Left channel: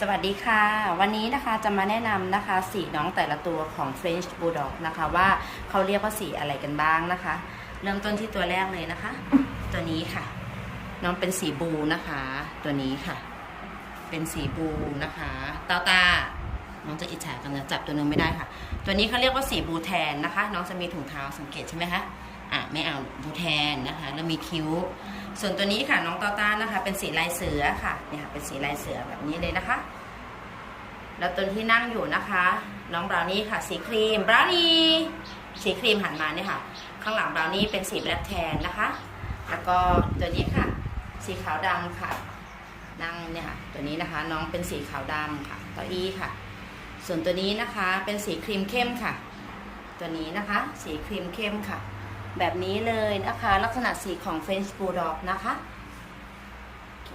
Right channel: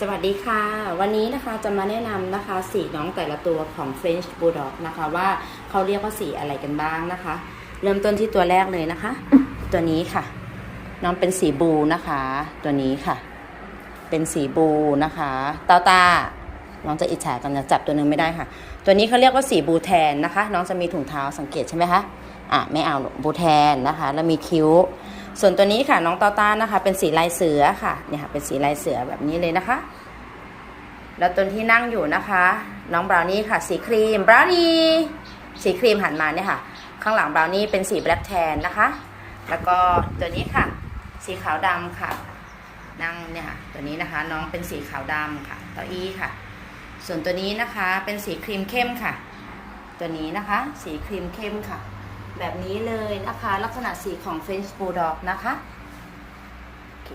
สวัสดีค่ะ วันนี้นะคะจะมาแนะนำนะคะ สีน้องแต่ละตัวของ French Bulldog นะคะว่าเขาเรียกว่าสีอะไรกันบ้างนะคะ เริ่มต้นที่ตัวแรกเลยนะคะ ตัวนี้ค่ะ น้องเป็นสีบูนะคะ ตัวนี้ค่ะ เป็นสีบูนะคะตาตาน้องจะอิจฉากันนะจับตัวหนึงไม่ได้ค่ะ ตัวนี้เขาเรียกว่าสีบูแทนนะคะ น้องจะมีถุงเท้าสังเกตใช่ไหมคะอะไม่เอาหรอกบูแทนนะคะ แล้วมีคิ้ว ส่วนตัวนี้ค่ะน้องตาตานะคะ เป็นสีลายเสือค่ะเนี่ยค่ะ เป็นสีลายเสือแบบนี้เลยนะคะ แล้วตัวที่นั่งอยู่นะคะ น้องบราวนี่ค่ะ สีครีมบราวนี่สีครีมหันมาเนี่ยค่ะ ข้างหลังบราวนี่เป็นสีแบล็กแทนนะคะ แล้วก็ตัวนี้ค่ะ สีขาวดำค่ะ นั่งเนี่ยค่ะ ตัวนี้นะคะ น้องเป็นสีขาวดำค่ะเต้าอี้ค่ะ ส่วนตัวนี้นะคะเป็นสีครีมเข้มค่ะ ตัวนี้นะคะ สีครีมเข้มค่ะ แบบนี้เลยนะคะ ลักษณะสีของเฟรนช์บูลด็อกนะคะโอเค